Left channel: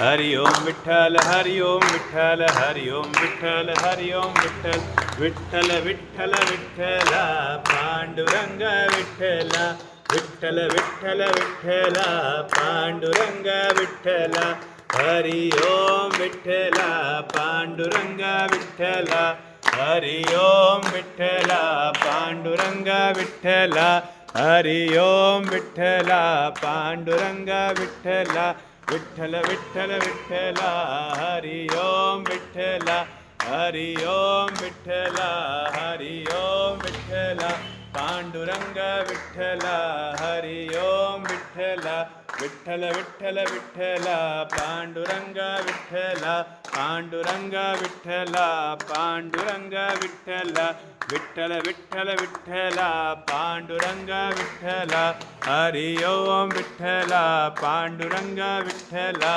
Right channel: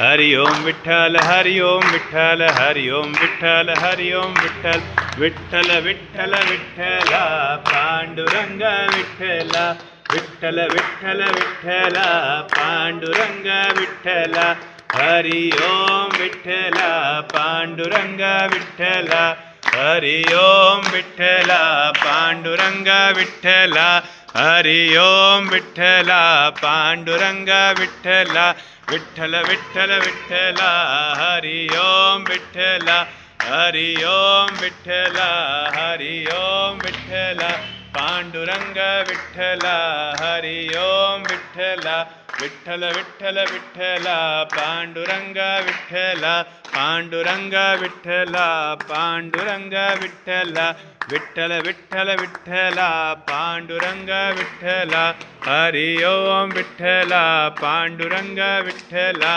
Hari Om Vitthal Hari Om Vitthal Hari Om Vitthal Hari Om Vitthal Vitthal Vitthal Vitthala Panduranga Vitthala Vitthal Vitthal Vitthala Panduranga Vitthala Hari Om Vitthala Panduranga Vitthala Hari Om Vitthala Panduranga Vitthala Hari Om Vitthala Panduranga Vitthala Vitthal Vitthal Vitthala Hari Om Vitthala Hari Om Vitthala Hari Om Vitthala Panduranga Vitthala Hari Om Vitthala Vitthal Vitthal Vitthala Panduranga Vitthala Panduranga Vitthala Panduranga Vitthala Vitthal Vitthal Vitthala Panduranga Vitthala Hari Om Vitthala Panduranga Vitthala